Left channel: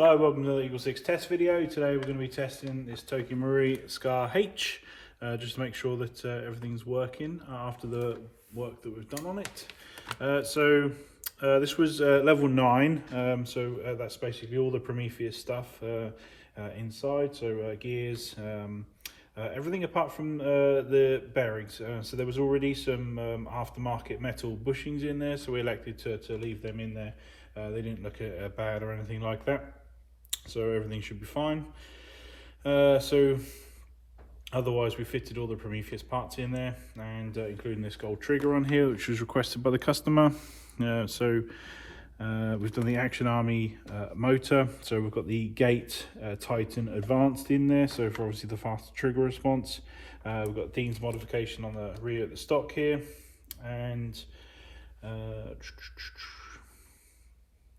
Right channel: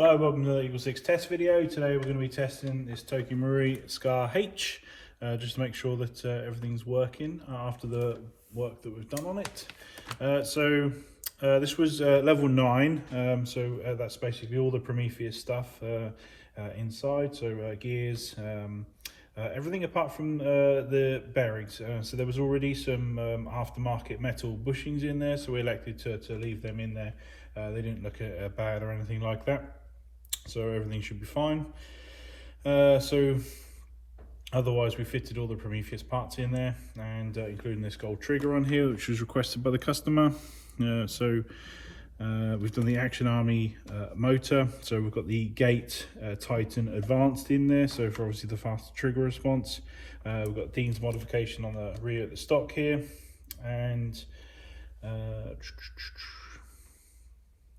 Hello, welcome to the EagleSix test video. Today we're going to be testing this Toki Marui Scar H, just to make sure that everything's working after the work that we've done on it. This was level 9, that's basically all the Prometheus stuff inside, so gears, everything apart from the bearings. So there was already some aftermarket metal bushings in there, so we elected to leave them in there. They didn't look bad or anything like that, so everything should be fine. Otherwise we fitted all the Prometheus parts in there, and including this gold trigger on here, which was requested by the customer. We've done the Action Army motor, so we've got the Gate Titan Advanced in there, so for obviously the faster trigger response. We've got Dean's modification on the rear of the stock here, and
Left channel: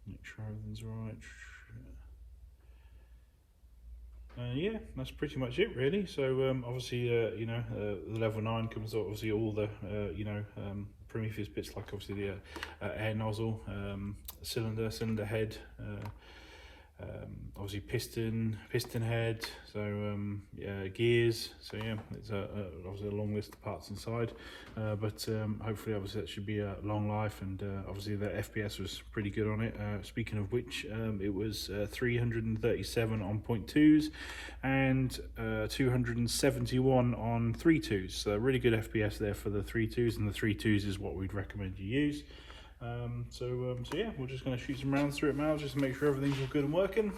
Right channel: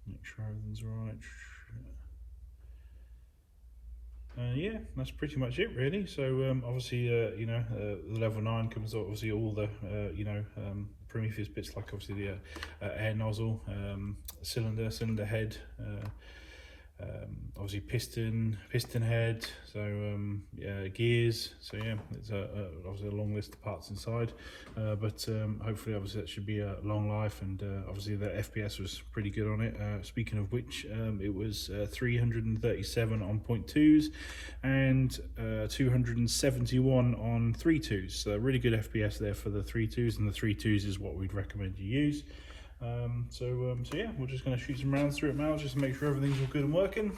make sure everything's right. Yeah, that's pretty much it really. So obviously the level 9 comes obviously all the Prometheus bits, like obviously the air nozzle, cylinder head, obviously piston head, so gears. So yeah, it's obviously a long list of parts inside, but hopefully obviously that should be a long life, and obviously the FPS was pretty good on it. Speaking of which, it was 337 on 0.2s and 271 on 3.2s, so really good FPS there for the 3.2s, and the 3.2s is what we'd recommend you use. So yeah, we're just going to shoot some rounds through it now, just to make sure everything's all good and working.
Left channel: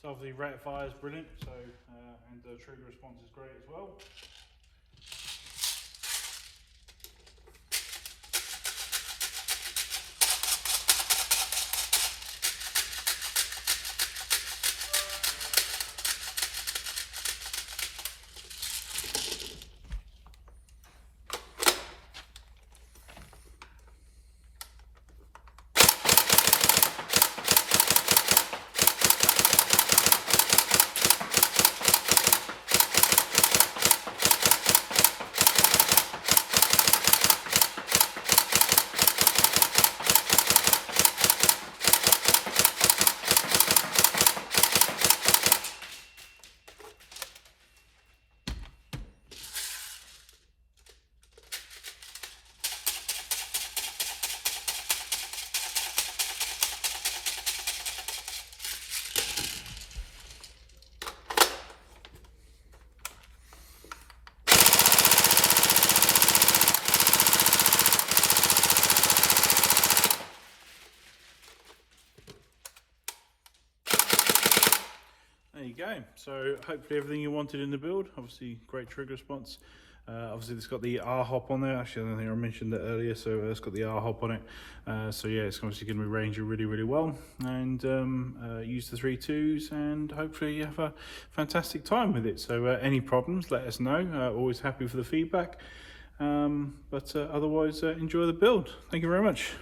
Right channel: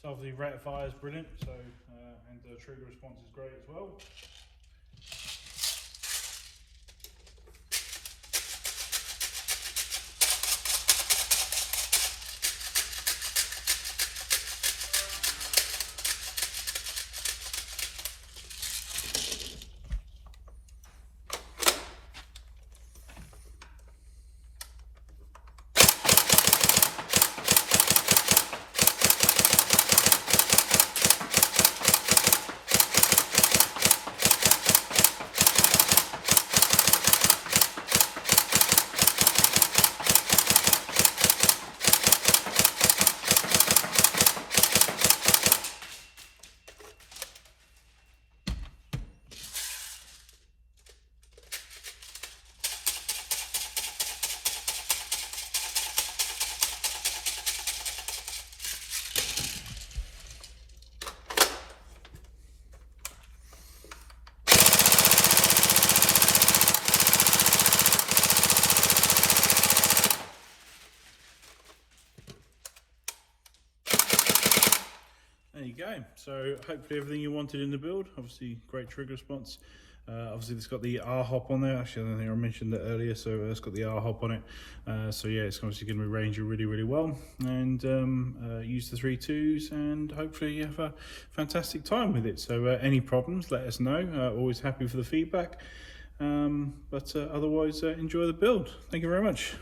So obviously rate of fire is brilliant, so and the trigger response is great as well. There you go. So hopefully everything you wanted in the build. Obviously great trigger response. Obviously it's got the R hop on there. Actually, I don't think I mentioned that earlier. So it's got the R hop on it. So yeah, it's obviously going to be ranging really well. And use the 3.2s, and hopefully you have a fantastic time with it. So any problems, let us know. Always happy for the feedback. Otherwise, enjoy the build. Thank you very much.